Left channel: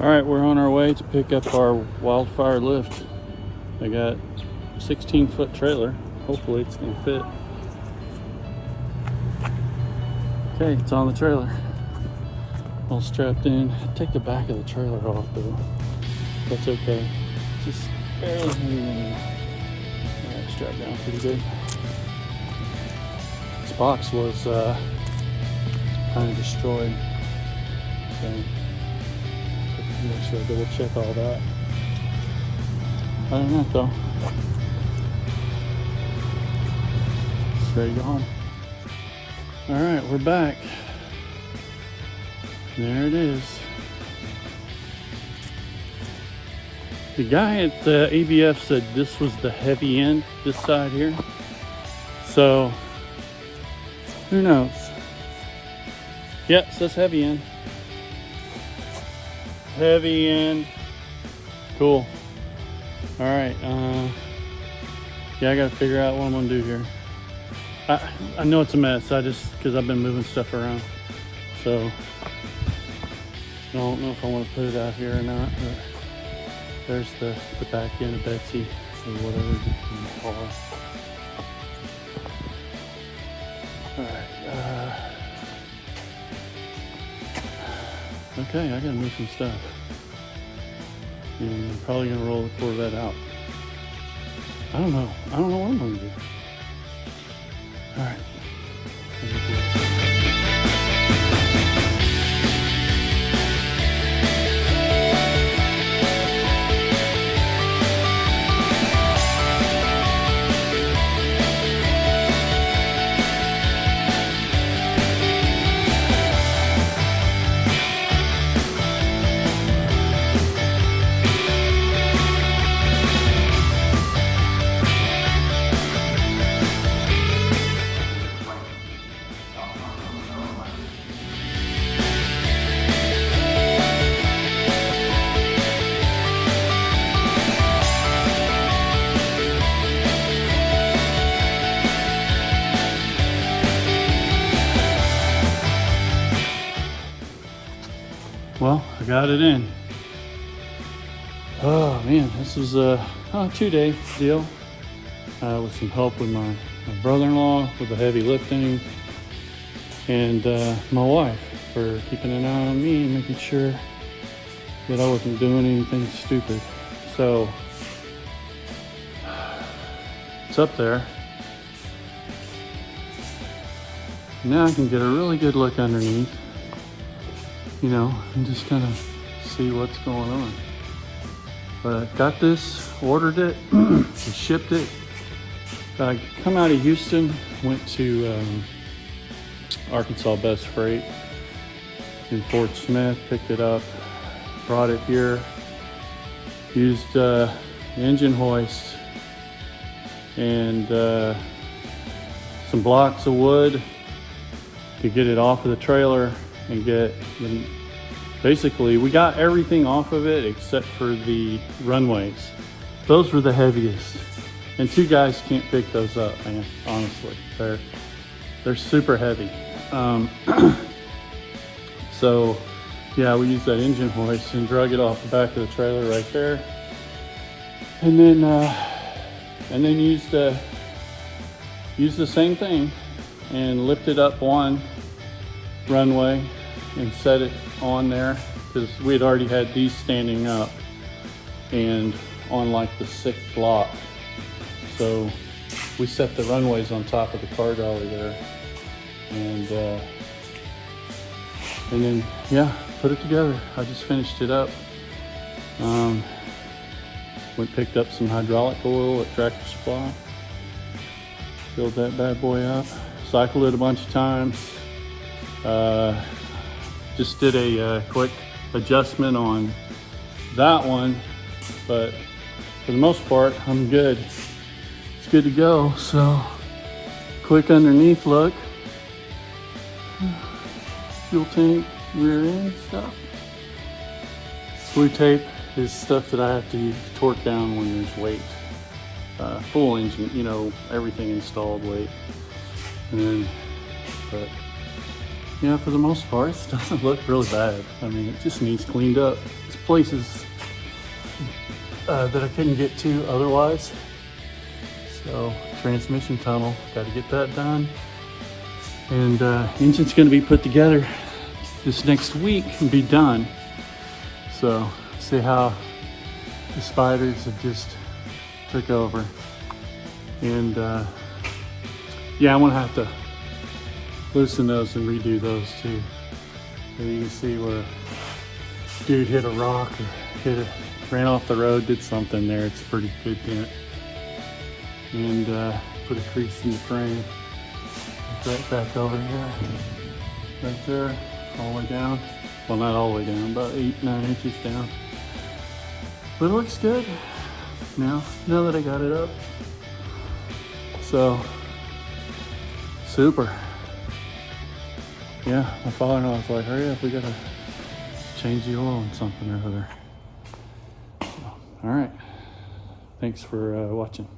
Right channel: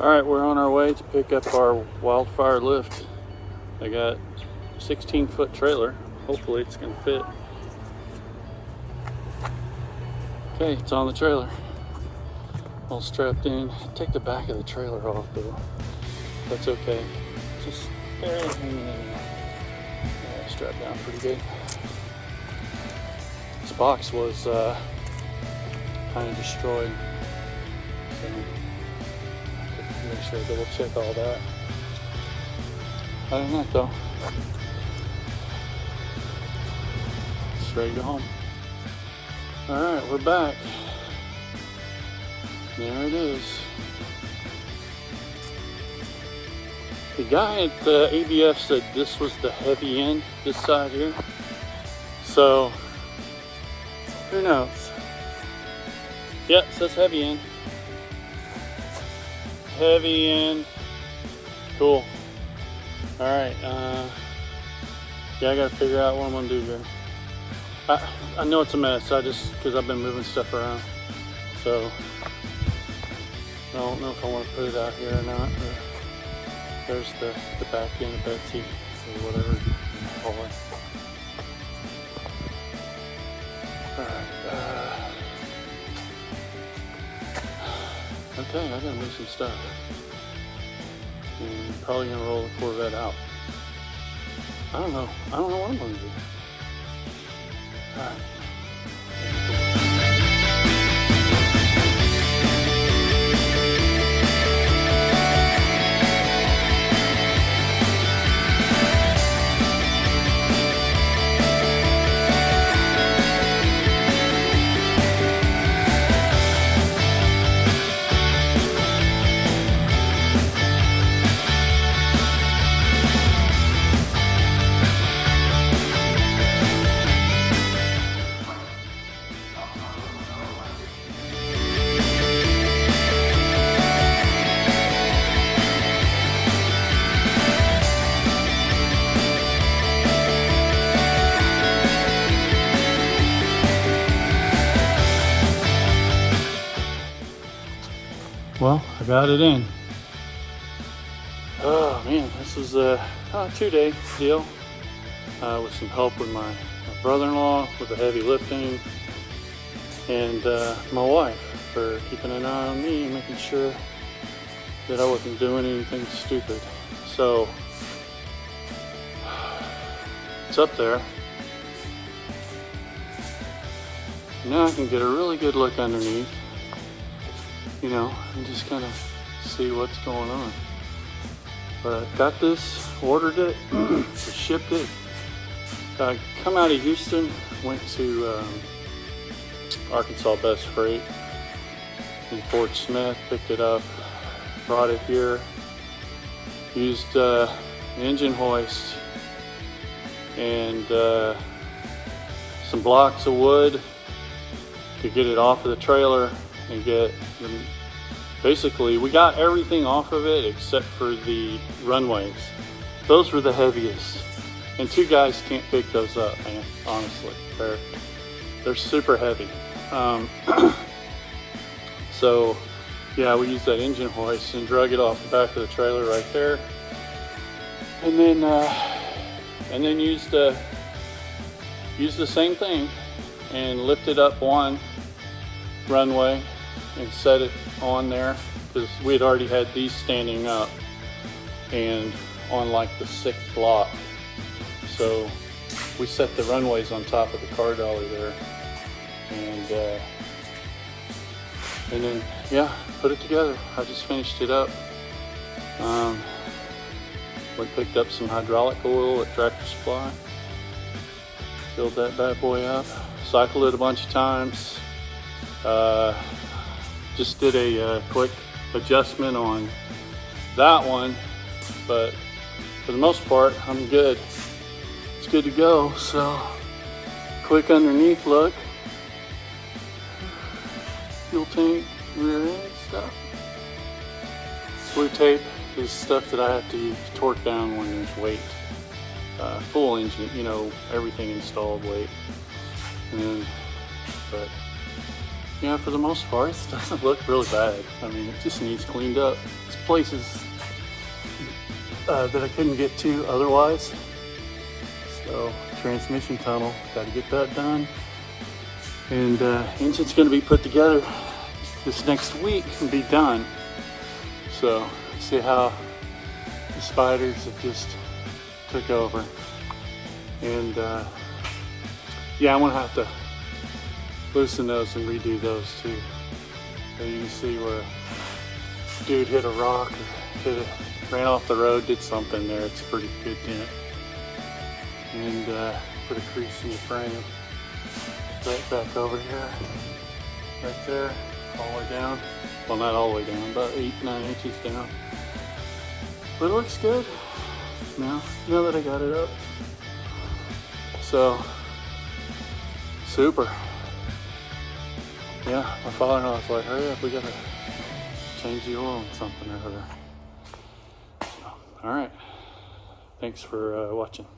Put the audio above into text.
Alright, we're on our way to pick up our Wildfire Lift. They got 16-foot trailer. Hopefully it's going to fit. Okay, it's on the trailer. All strapped in. Take the back of the trailer off. It's okay. Just strapped down pretty good. This box was destroyed. Check all that. I don't know though. Straight home. Alright, we're back. There it is. The guy at the ABF said this was the heavy end, this side here. So, who knows? Yep, it says heavy end. Heavy end. Cool. Alright, yeah, I gotta figure out what I'm gonna do here. I know it's a mess, because I've been moving stuff around. So, I don't know if I want to put it out here or not. There's the back end of Betsy. Okay, I gotta move some stuff. And I'm probably gonna roll the Corvette out. I don't know what I'm gonna do. Alright. Well, I got it in. Oh man, this was a 2-day deal with some help with my brother-in-law with the heavy lifting, and my wife for keeping an eye on me, making sure that I wasn't doing anything stupid. So it's up there. Now I can get a really good look underneath. You know, and just kind of see what's going on. But got this, ordered it, shipped it. Come out of Houston, went to Arkansas Best Freight in Fort Smith, picked it up, brought it here, used engine hoist and some blocks of wood to get it off of the trailer. And basically, we got everything off of it except for the runways. Those were the heaviest, and 2 guys can't pick those up, man. Honestly, they're super heavy. So yeah, we used that engine hoist and drug it off the back of the trailer right there, and then used the same thing and lifted up one runway and set it on there, because we had already had these standing up and on like the 6th block. So we set the runways on top of the cart over there, and then yeah, put it together. I just finished it up. We picked up some hydraulic oil at Tractor Supply, filled that bad boy up, cycled it a bunch of times. Just did a quick adjustment on that one, but for the most part, I'm good. It's good to go. So, quick underneath look. Fuel tank, rear end stuff. Screw tape is stuff that I have to use, torque down when there's weight. Full engine, you know, everything installed weight. And yeah, for the most part, it doesn't look real bad. I mean, it just needs cleaned up. It's places that I couldn't get to otherwise. So, transmission tunnel, gotta get that done. And engine's gonna be put together this next week and be done. So, see how the spiders have just took over. And yeah, I'm gonna have to loosen those and redo those too. And you can see where dude hit a rock and ran off the road, did something there. It's pretty good deep. And put a crease in the frame. Get back over here, right there, all the way down. Well, not all the way down, about 8-9 inches down. But it looks good. You know, now that I got it up. So, super. Yeah, my father-in-law was like, all right, we gotta change the oil and something or other. So, all right. Thanks for watching.